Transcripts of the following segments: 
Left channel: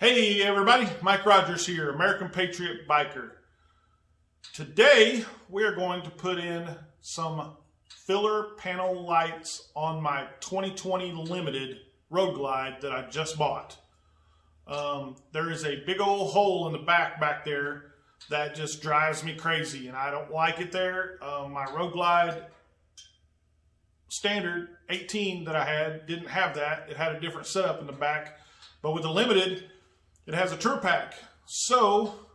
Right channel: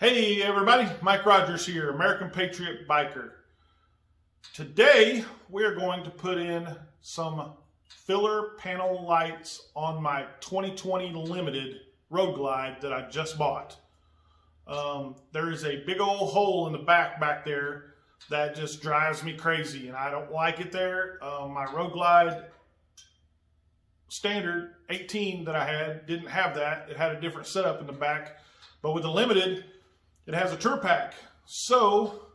Hey everybody, Mike Rogers here, American Patriot Biker. Today we're going to put in some filler panel lights on my 2020 Limited Road Glide that I just bought. There is a big old hole in the back there that just drives me crazy and I don't like it there. My Road Glide standard 18 that I had didn't have that. It had a different setup in the back, but with the Limited it has a tour pack. So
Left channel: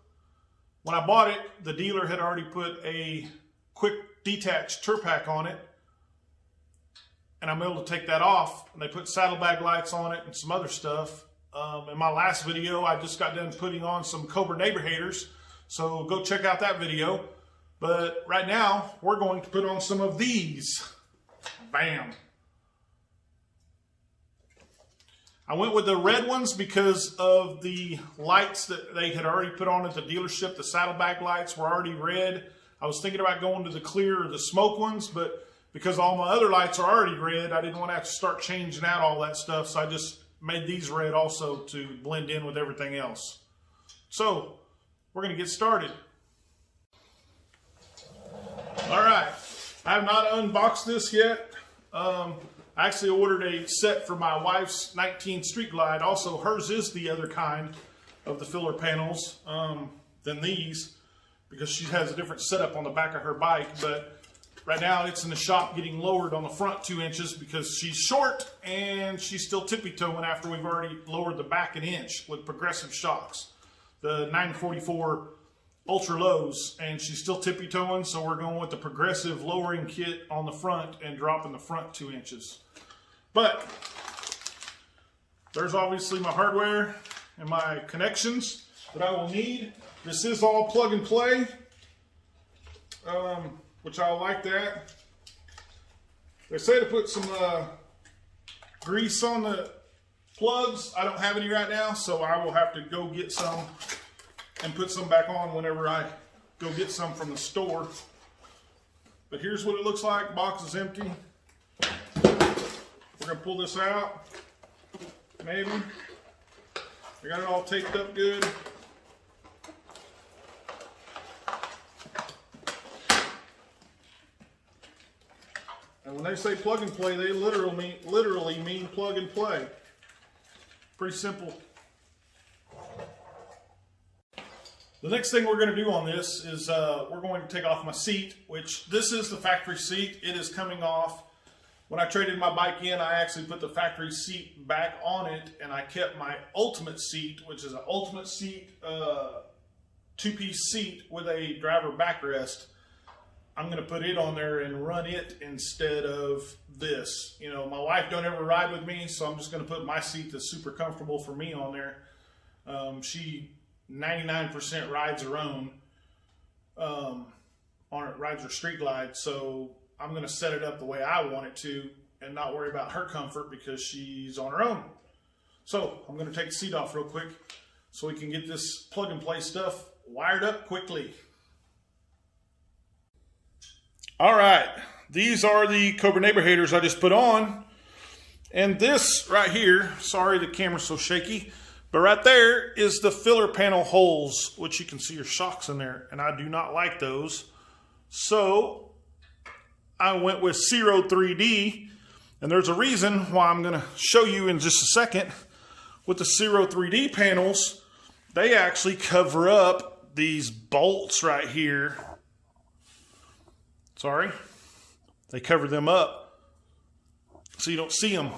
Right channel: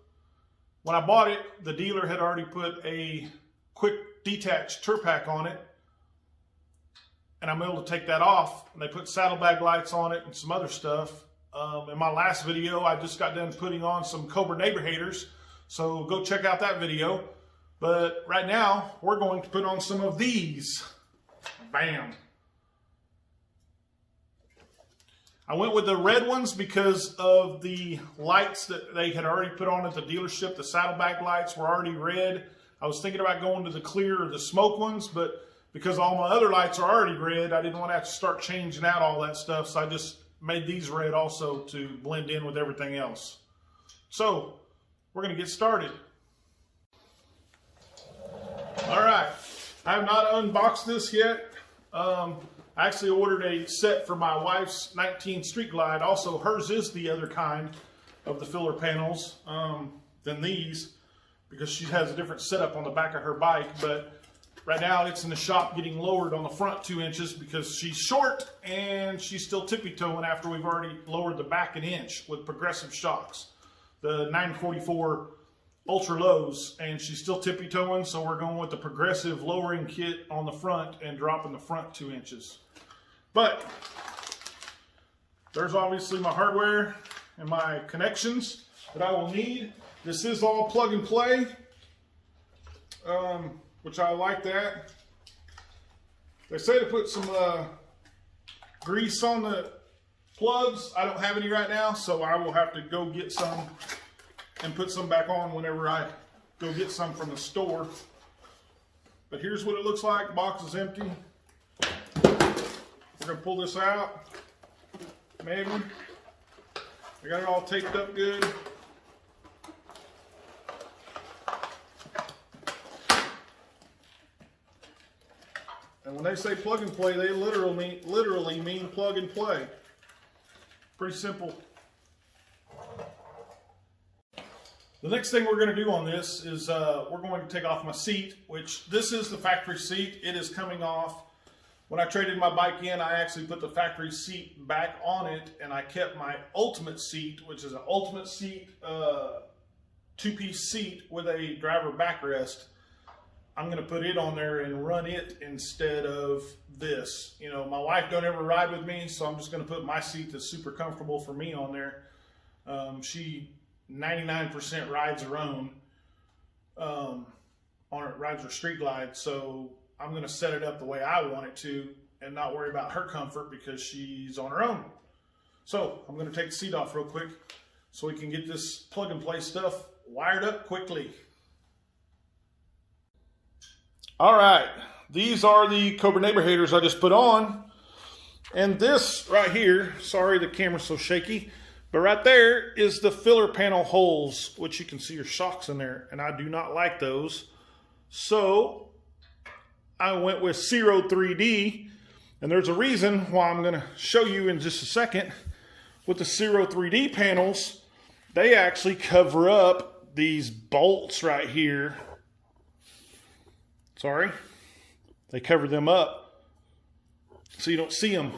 when I bought it, the dealer had already put a quick detached tour pack on it, and I'm able to take that off. And they put saddlebag lights on it and some other stuff. In my last video, I just got done putting on some Cobra neighbor haters, so go check out that video. But right now, we're going to put on some of these. Bam. I went with the red ones because of the lights that they had already put on at the dealership. The saddlebag lights were already red. I was thinking about going to the clear or the smoke ones, but because all my other lights are already red, I didn't want to have to start changing out all that stuff. So I just made these red also to blend in with everything else. So we're going to get started. All right. I have not unboxed this yet. I actually ordered a set for my wife's 19 Street Glide. Also, hers is the other kind of the filler panels than these because she has a different setup on the back of her bike. But right now it's in the shop getting lowered on the front 2 inches because she's short and she's still tippy-toeing after we've already lowered the back an inch with progressive shocks. The 944 ultra lows, and she's still tippy-toeing, so we're going with the progressive lowering kit on the front and dropping the front 2 inches. But there's obviously my hardware and my connections that I will need. This is all plug and play, which I like that. They say to put some grease on the plugs. I don't have any right now, so I will have to go get some and put some back on whenever I go get some from the store. But here's what it looks like. The box is empty. We're gonna pull this out, maybe. I got it all taped up good. And when they say plug and play, they literally mean plug and play. Pretty simple. The next thing we're going to do on this is we're going to take off my seat, which this is the factory seat. It is coming off. When I traded my bike in, I actually put the factory seat back on it, and I kept my ultimate seat, which is an ultimate seat, two-piece seat with a driver backrest. I'm going to put it on there and run it instead of this. You know, my wife don't ever ride with me, so I'm just going to put my seat that's super comfortable for me on there. She 99% rides her own, rides her Street Glide, so I'm going to set it up the way I want it to and not worry about her comfort because she's on her own. So I'm going to take the seat off real quick so we can get this plug and play stuff wired up quickly. All right, these are the Cobra neighbor haters I just put on, and this right here, sorry the camera's so shaky, but right there is the filler panel holes, which you can see your shocks in there, and I do not like those. So I went with Ciro 3D, and there's a reason why I'm going to show you in just a second. With the Ciro 3D panels, they actually cover up these bolts right here. Sorry. They cover them up so you don't see them.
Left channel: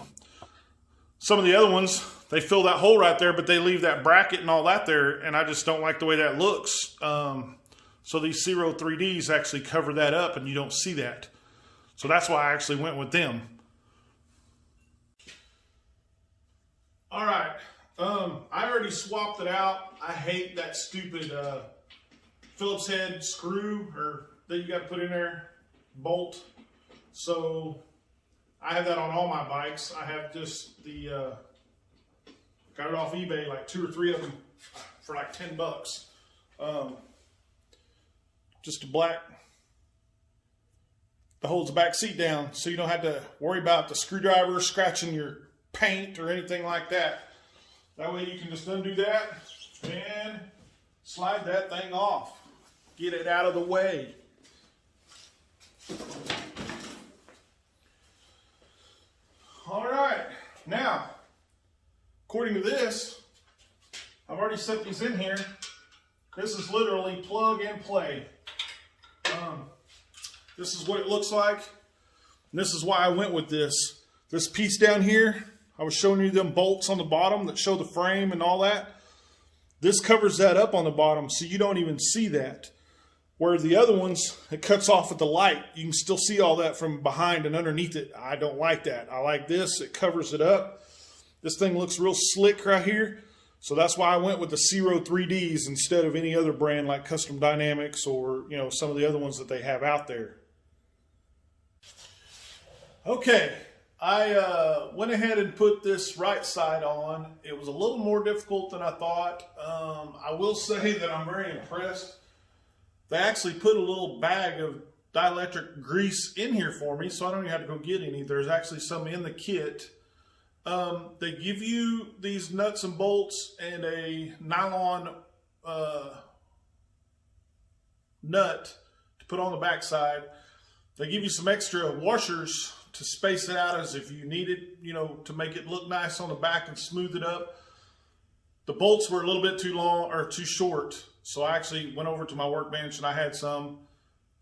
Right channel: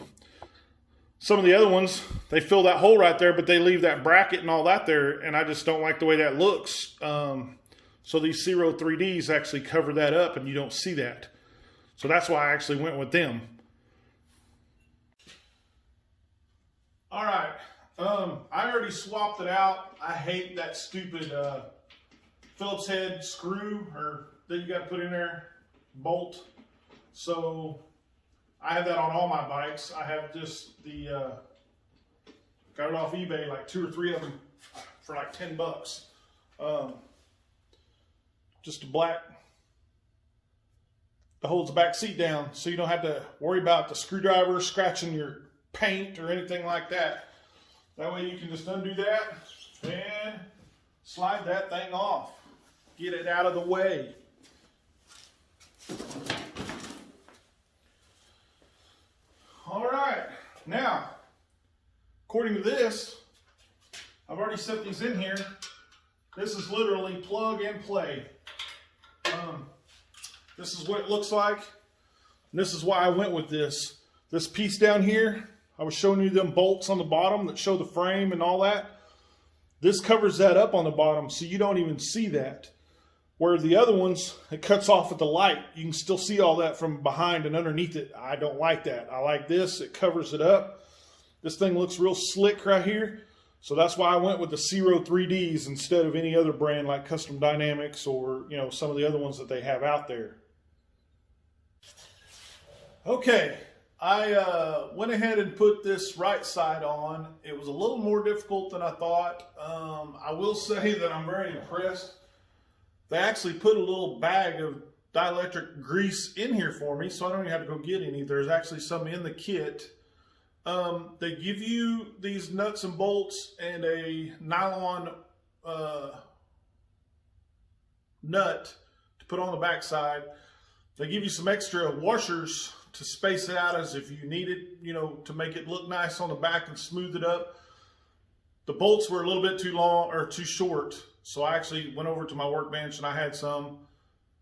Some of the other ones, they fill that hole right there, but they leave that bracket and all that there, and I just don't like the way that looks. So these Ciro 3Ds actually cover that up, and you don't see that. So that's why I actually went with them. All right, I already swapped it out. I hate that stupid Phillips head screw that you got to put in there, bolt. So I have that on all my bikes. I have just the, got it off eBay, like 2 or 3 of them for like 10 bucks. Just a black, that holds the back seat down so you don't have to worry about the screwdriver scratching your paint or anything like that. That way you can just undo that and slide that thing off. Get it out of the way. All right, now, according to this, I've already set these in here. This is literally plug and play. This is what it looks like. And this is why I went with this. This piece down here, I was showing you them bolts on the bottom that show the frame and all that. This covers that up on the bottom so you don't even see that. Where the other ones, it cuts off at the light. You can still see all that from behind and underneath it. I don't like that. I like this. It covers it up. This thing looks real slick right here. So that's why I went with the Ciro 3Ds instead of any other brand like Custom Dynamics or, you know, some of the other ones that they have out there. Okay, I went ahead and put this right side on. It was a little more difficult than I thought. I will say that I'm very impressed. They actually put a little bag of dielectric grease in here for me, so I don't even have to go get any. There's actually some in the kit. They give you these nuts and bolts and a nylon nut to put on the backside. They give you some extra washers to space it out as if you need it, you know, to make it look nice on the back and smooth it up. The bolts were a little bit too long or too short, so I actually went over to my workbench and I had some.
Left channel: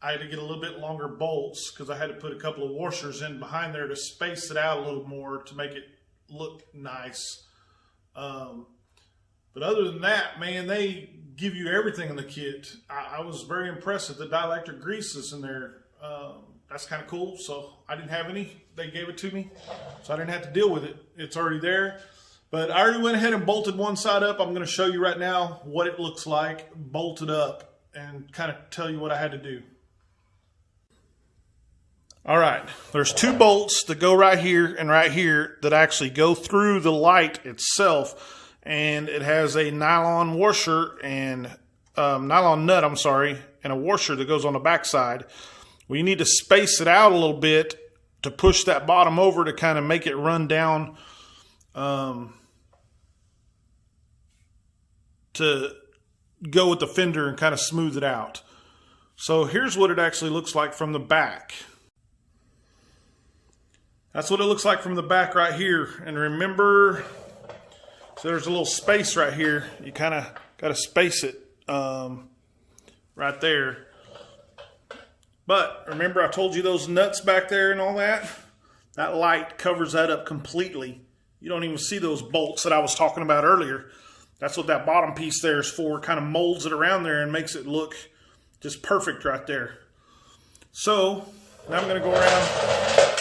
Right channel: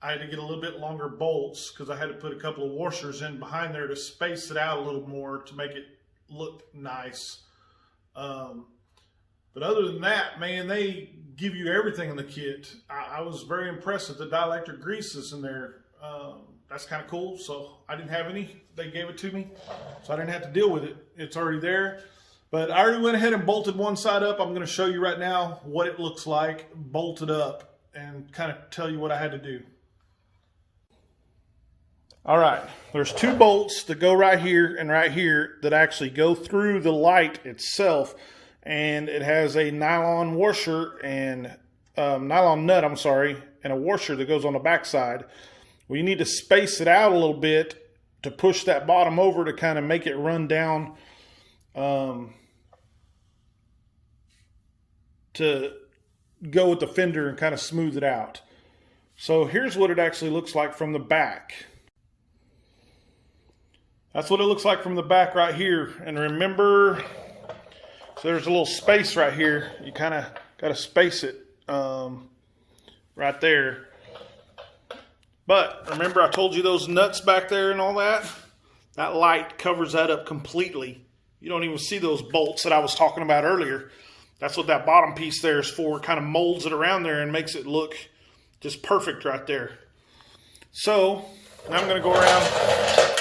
I had to get a little bit longer bolts because I had to put a couple of washers in behind there to space it out a little more to make it look nice. But other than that, man, they give you everything in the kit. I was very impressed with the dielectric greases in there. That's kind of cool. So I didn't have any. They gave it to me, so I didn't have to deal with it. It's already there. But I already went ahead and bolted one side up. I'm going to show you right now what it looks like bolted up and kind of tell you what I had to do. All right, there's two bolts that go right here and right here that actually go through the light itself, and it has a nylon washer and nylon nut, I'm sorry, and a washer that goes on the backside. Well, you need to space it out a little bit to push that bottom over to kind of make it run down to go with the fender and kind of smooth it out. So here's what it actually looks like from the back. That's what it looks like from the back right here. And remember, so there's a little space right here. You kind of got to space it right there. But remember I told you those nuts back there and all that? That light covers that up completely. You don't even see those bolts that I was talking about earlier. That's what that bottom piece there is for. It kind of molds it around there and makes it look just perfect right there. So now I'm going to go around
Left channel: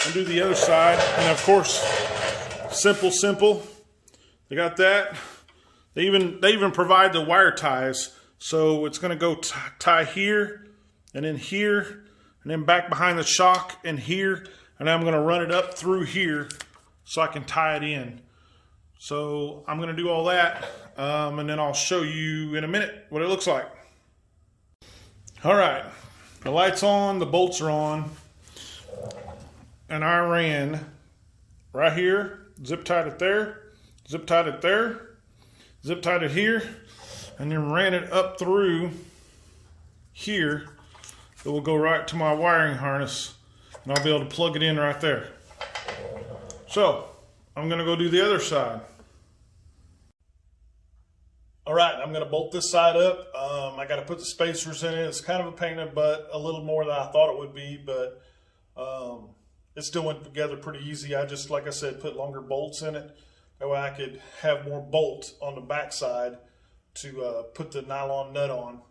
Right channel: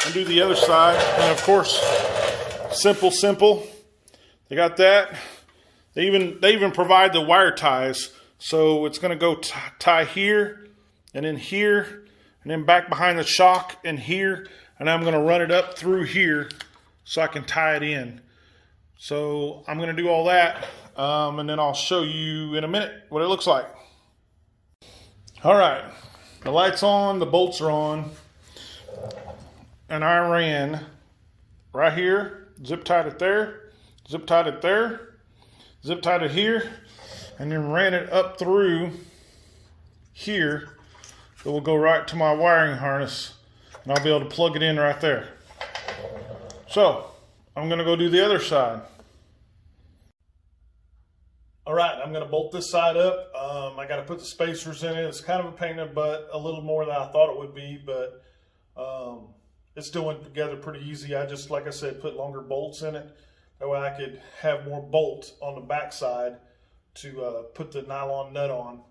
and do the other side. And of course, simple. They got that. They even provide the wire ties. So it's going to go tie here and then here and then back behind the shock and here. And I'm going to run it up through here so I can tie it in. So I'm going to do all that. And then I'll show you in a minute what it looks like. All right. The light's on. The bolts are on. And I ran right here, zip tied it there, zip tied it there, zip tied it here, and then ran it up through here. It will go right to my wiring harness, and I'll be able to plug it in right there. So I'm going to go do the other side. All right, I'm going to bolt this side up. I got to put the spacers in it. It's kind of a pain in the butt, a little more than I thought it would be, but it still went together pretty easy. I just, like I said, put longer bolts in it. That way I could have more bolt on the back side to put the nylon nut on.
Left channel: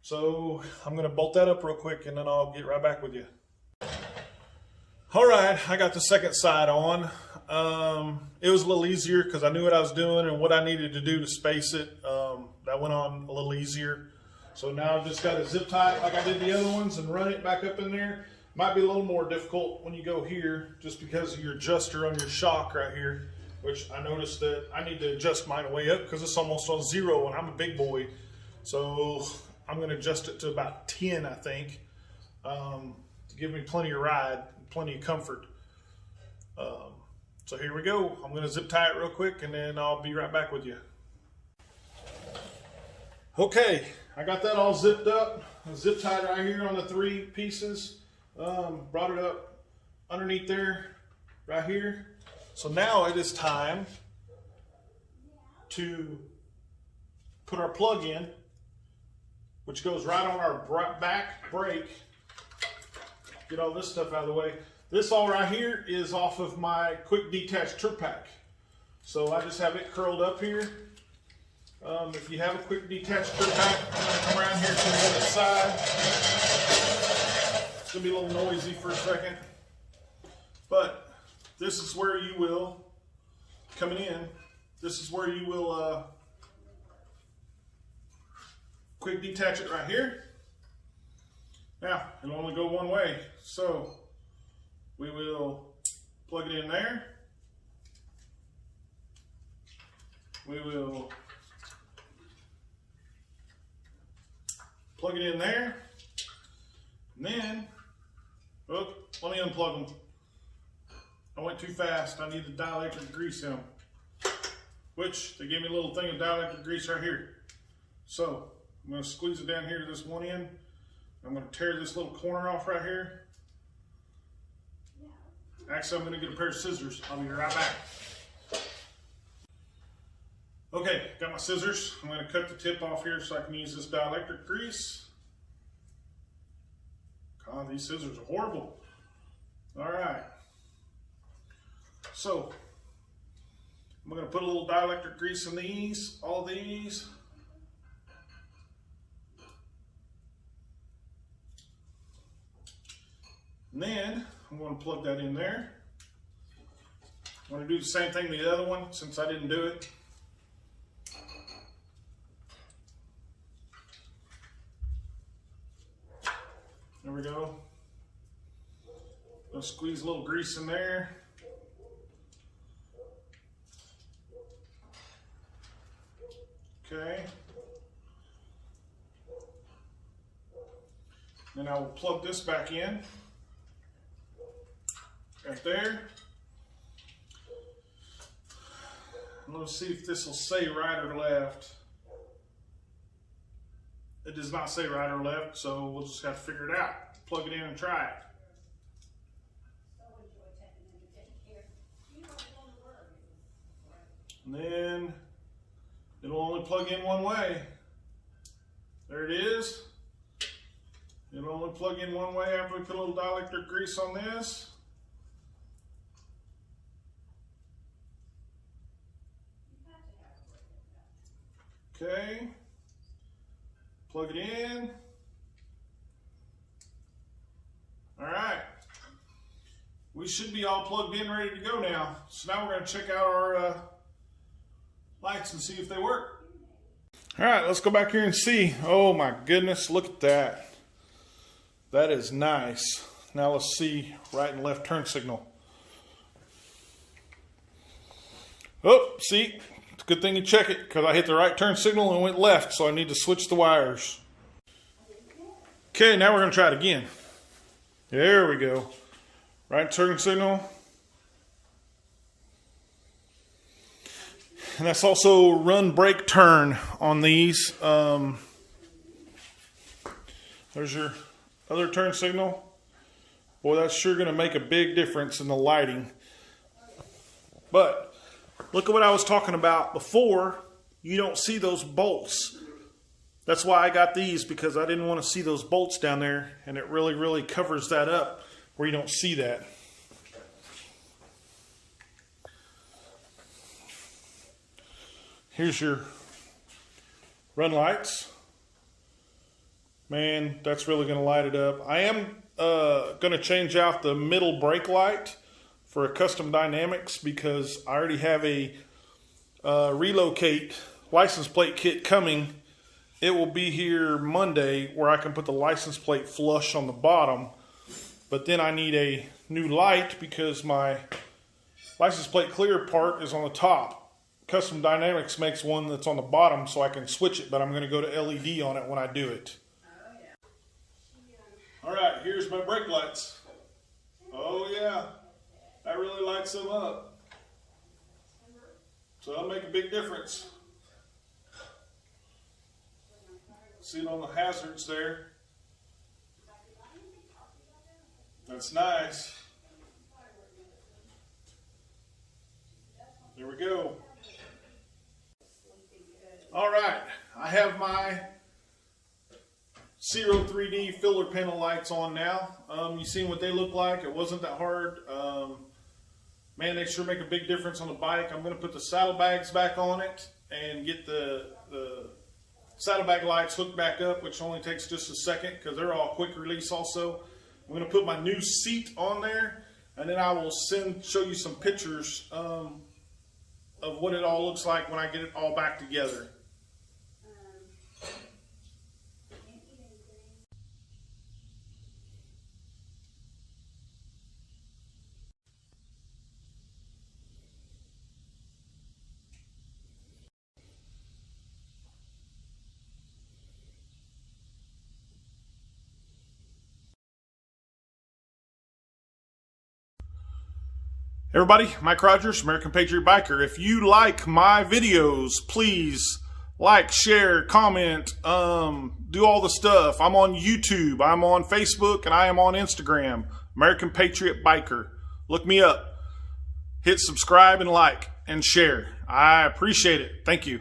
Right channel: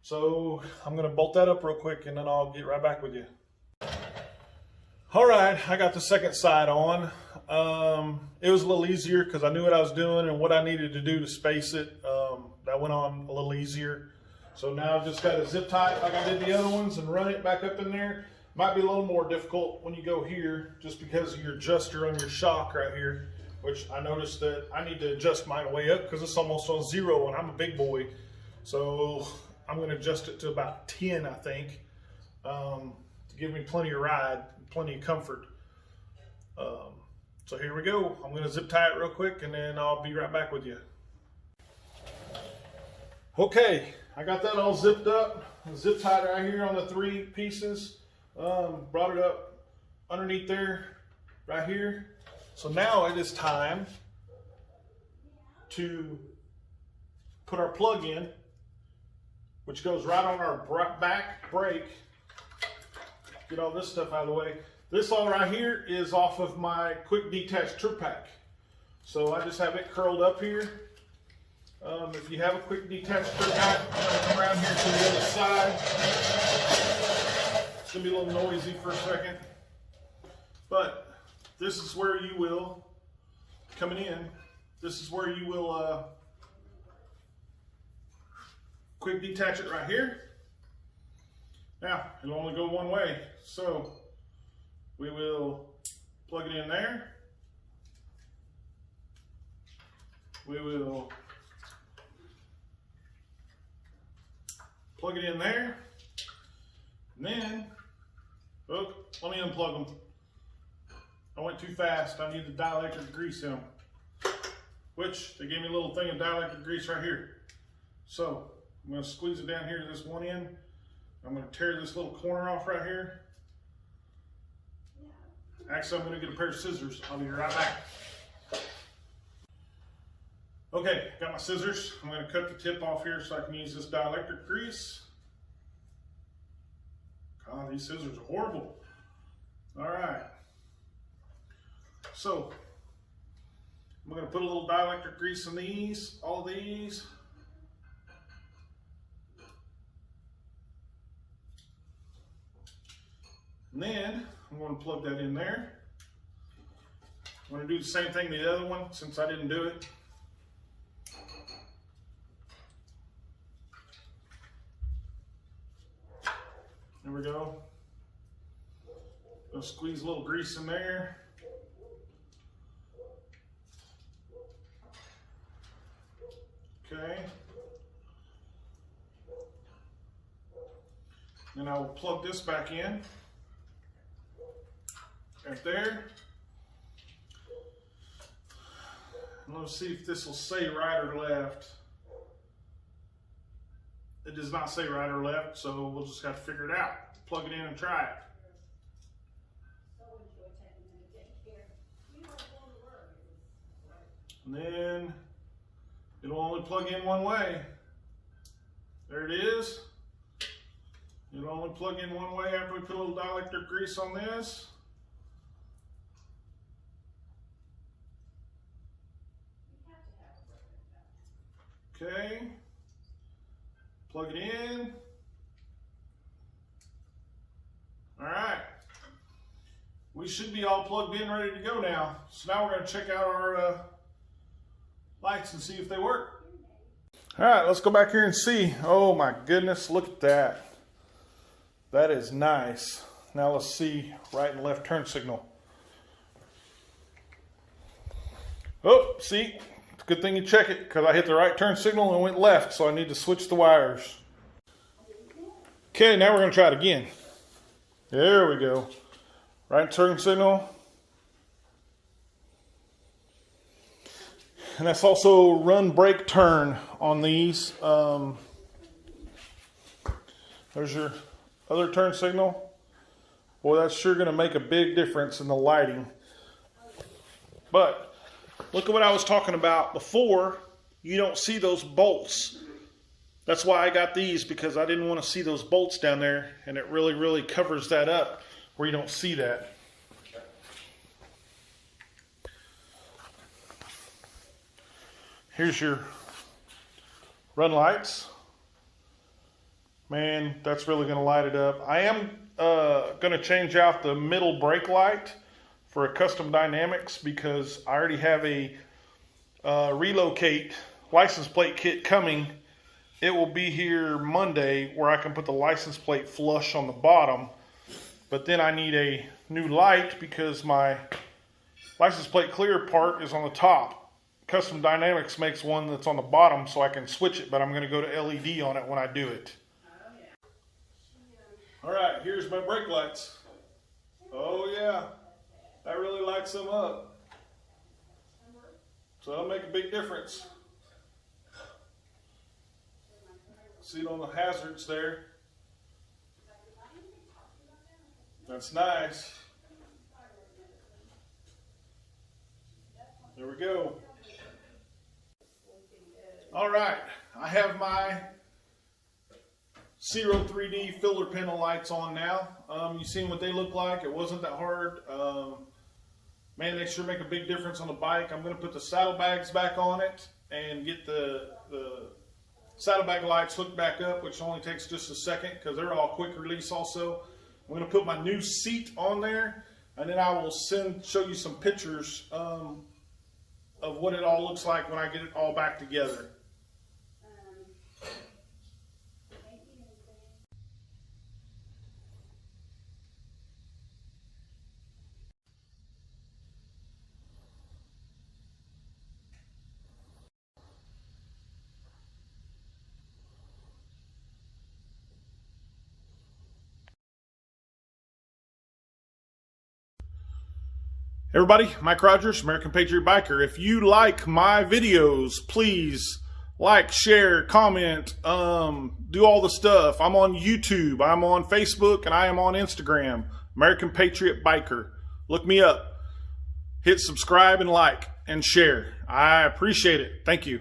So I'm going to bolt that up real quick and then I'll get right back with you. All right, I got the second side on. It was a little easier because I knew what I was doing and what I needed to do to space it. That went on a little easier. So now I've just got to zip tie it like I did the other ones and run it back up in there. Might be a little more difficult when you go here just because of your adjuster on your shock right here, which I noticed that I need to adjust mine way up because it's almost on 0 and I'm a big boy. So I'm going to adjust it to about 10, I think, to give me plenty of ride, plenty of comfort. So here we go. I'm going to zip tie it real quick and then I'll be right back with you. Okay, I got that all zipped up. Zip tied right here on the 3 pieces. Brought it up underneath there, right here. So now it is time to put our plug in, which goes right on our back brake. Get all this stuff out of the way. This all right here is off of my quick detach trip pack. So I just have it curled up here. If you have a quick detach trip pack, I'm going to come around here to the other side. It's going to be a little noisy for a second. But this is where you will, coming in, this is where you will quick detach it right here. Now, it'll only go one way. So we will plug it in there. We will plug it in there. And then, oh, let me unplug them. I went too fast. I need the dielectric grease in them. Which, they gave me a little thing of dielectric grease right here. So, I'm going to squeeze it down here to this one end. I'm going to tear this little corner off right here. Actually, I'm going to get a pair of scissors. I'll be right back. Okay, got my scissors. I'm going to cut the tip off here so I can use this dielectric grease. God, these scissors are horrible. All right. So, I'm going to put a little dielectric grease in these, all of these. And then I'm going to plug that in there. I'm going to do the same thing to the other one since I didn't do it. There we go. Gonna squeeze a little grease in there. Okay. Then I will plug this back in. Right there. And let's see if this will say right or left. It does not say right or left, so we'll just have to figure it out. Plug it in and try it. And then it'll only plug in one way. There it is. It'll only plug in one way after we put a little dielectric grease on this. Okay. Plug it in. All right. We should be all plugged in, ready to go now. So now we're going to check out our lights and see if they work. All right, let's go back here and see. Oh my goodness, look at that. That is nice. Now let's see right and left turn signal. Oh, see? It's a good thing you check it because I hit the right turn signal and went left, so I need to switch the wires. Okay, now we're going to try it again. There we go. Right turn signal. And that's also run, brake, turn on these. There's your other turn signal. Boy, that's sure going to make a big difference in the lighting. But look at what I was talking about before. You don't see those bolts. That's why I got these, because I didn't want to see those bolts down there, and it really, really covers that up where you don't see that. Here's your run lights. Man, that's really going to light it up. I am going to change out the middle brake light for a custom dynamics because I already have a relocate license plate kit coming. It will be here Monday where I can put the license plate flush on the bottom. But then I need a new light because my license plate clear part is on the top. Custom Dynamics makes one that's on the bottom so I can switch it, but I'm going to go to LED on it when I do it. All right, here's my brake lights. Oh yeah, that really lights them up. So that'll make a big difference. See it on the hazards there. That's nice. There we go. All right, I have my Ciro 3D filler panel lights on now. You seen what they look like? It wasn't that hard. Man, they sure make a big difference on the bike. I'm going to put the saddlebags back on it and get the saddlebag lights hooked back up, which only takes just a second because they're all quick release also. I'm going to put my new seat on there, and then I will show you some pictures of what it all looks like when I get it all back together. Everybody, Mike Rogers, American Patriot Biker. If you like my videos, please like, share, comment, do all the stuff. I'm on YouTube, I'm on Facebook, and I am on Instagram, American Patriot Biker. Look me up. Hit subscribe and like and share. I appreciate it. Thank you.